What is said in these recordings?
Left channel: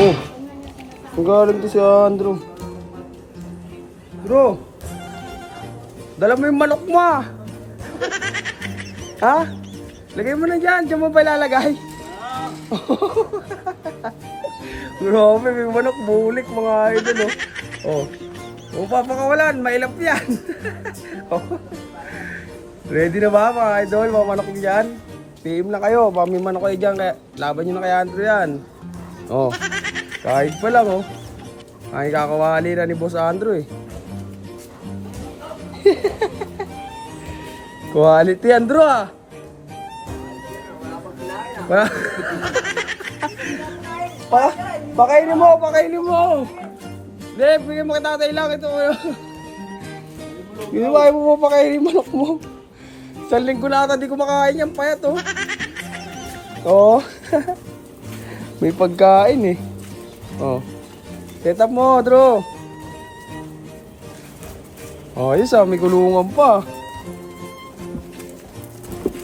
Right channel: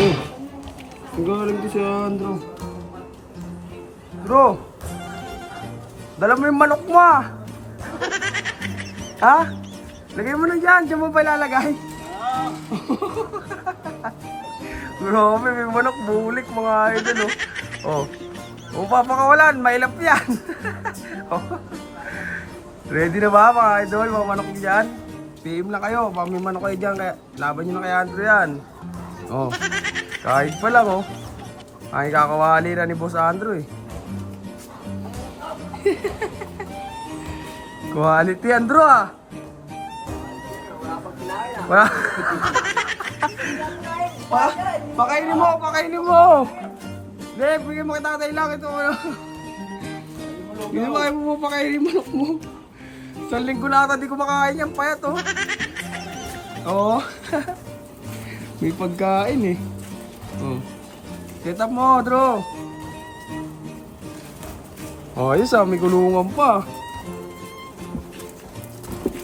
Oh, nagaling to si Andrew. Bro, dala mo yung manok mo ah. Ha? Lagay mo na dyan, dyan mo ba lalagay? Grabe, may manok bulik mga idol oh. Oh, kung papakawalan, mailap yan. Oh. Ready na ba mga idol, mga manok dyan? PM na kayo, baka may manok kayo dyan, kaya laban nyo na kay Andrew yan. Oh, kahit pa lang oh. Ay kakawali na ni Boss Andrew eh. Quality Andrew ah. Pakainin mo, pakainin mo. Hindi, bigyan mo kita tatay lang ito. Hindi ba kayo mo pakainin manok mo? Isang linggo na ata di ko makakain yan payat oh. Oo. May pagkain eh. Oh. Set up mo, Drew. Oh, ayos ah, may kulungan pa.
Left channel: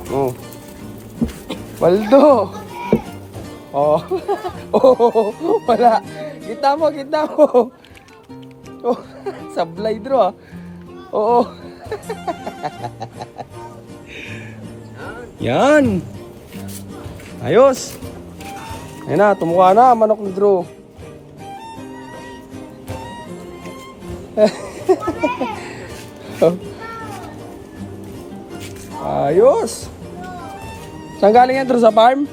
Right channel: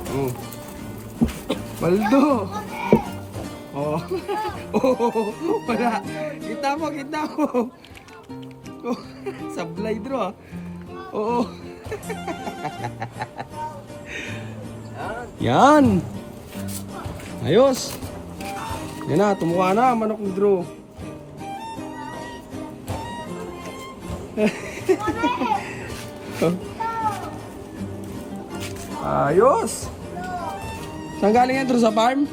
Oh. Paldo. Oh. Oh, wala. Kita mo, kita mo. Oh, sablay Drew ah. Oo. Yan. Ayos. Yan na, tumuha na manok ni Drew. Ayos. Saan galing yan Drew? Sa farm?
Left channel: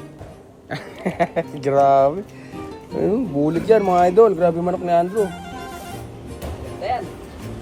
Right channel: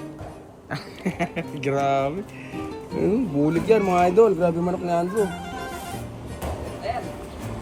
Grabe. Bulig yan mga idol. Grabe manok ni Andrew.